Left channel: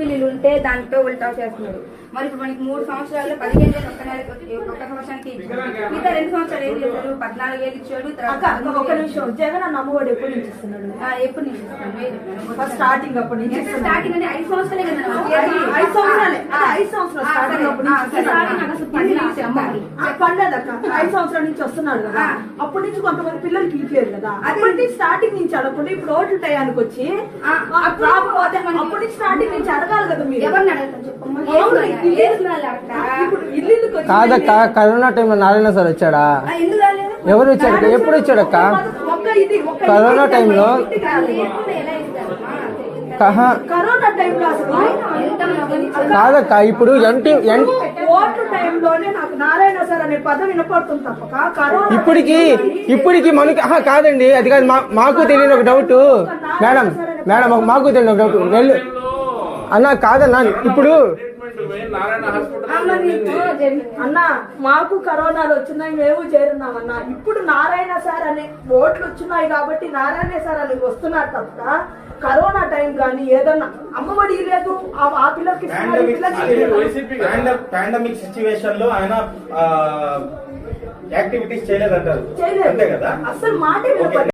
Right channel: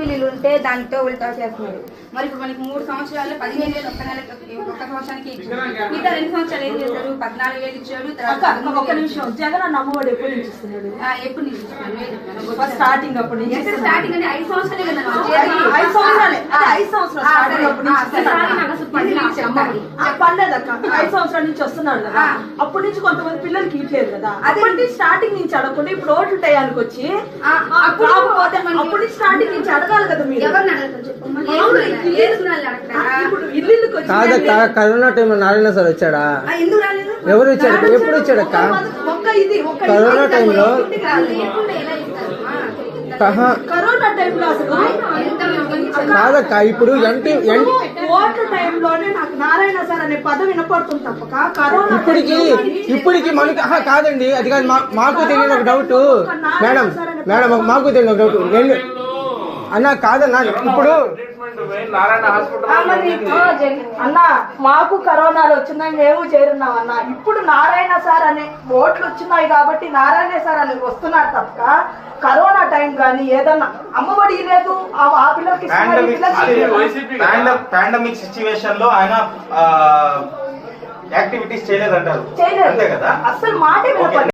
వీళ్ళు ఉంటే దాంతో ఉల్టా చేస్తున్నారు. మరి ఇప్పుడు మనకి 3 సంవత్సరాలు 15,000 ఒక్క నెలకి ఒక సంవత్సరానికి ఇచ్చారు. మిగతా 2 సంవత్సరాలు ఏం చేశారు? 14,000 ఇచ్చాడు. ఒక నిమిషం, జగన్ అన్న అమ్మఒడి ఎప్పుడు నుంచి ఇస్తున్నాడు? ఎప్పుడు నుంచి ఇస్తున్నాను? ఫస్ట్ స్టార్టింగ్ అప్పటి నుంచి స్టార్టింగ్ అంటే 5 సంవత్సరాలే కదా. 5 సంవత్సరాలే. 5 సంవత్సరాలు స్టార్టింగ్ అప్పటి నుంచి పర్లేదు అక్క. 5 సంవత్సరాల నుంచి వస్తున్నాడు కదా. అప్పటి నుంచి కొంతమంది పిల్లలకి ఇట్లేదు కదా. అప్పటి స్టార్టింగ్ నుంచి అడగకుండా ఇప్పుడు ఓట్లు టయానికి వచ్చి అప్పటి నుంచి స్టార్టింగ్ నుంచి అడగాలి కదా మీరు. ఎవరిని అడగదు చెప్పమ్మా. కాదక్క, కరోనా టైంలో నారాయణ సార్ వచ్చాడా? ఎవరు వచ్చాడు? ఎప్పుడు వచ్చాడక్క? కరోనా టైంలో కరోనా టైంలో కాదక్క, ఇప్పుడు ఓట్ల టైంలోనే నాకు నారాయణ సార్ అనే పదవి వినపడుతుంది తప్పక కరోనా ఇప్పటికి మనకి కాదండి. అది కాదు, మాకు తెలియని ఒక డౌట్ మేడం. మాకు తెలియని ఒక డౌట్. నేను అన్నా కాదన్నా, ఇప్పుడు అన్న మాకు కరోనాలు వచ్చినాయి, మేము చేరున్నాం అన్న. ఇప్పుడు నారాయణ సార్ అనే ఓట్లు వచ్చినాయి కాబట్టి నారాయణ సార్ అని వస్తున్నారు తప్ప కరోనా టైం కానీ ఏదన్నా అమ్మఒడి లేదు ఆ పిల్లలకి పాండమిక్ సిచ్యువేషన్ లో ఆయన యాక్టివిటీస్ చేయలేదంటారు. చేయలేదు, అసలు మాట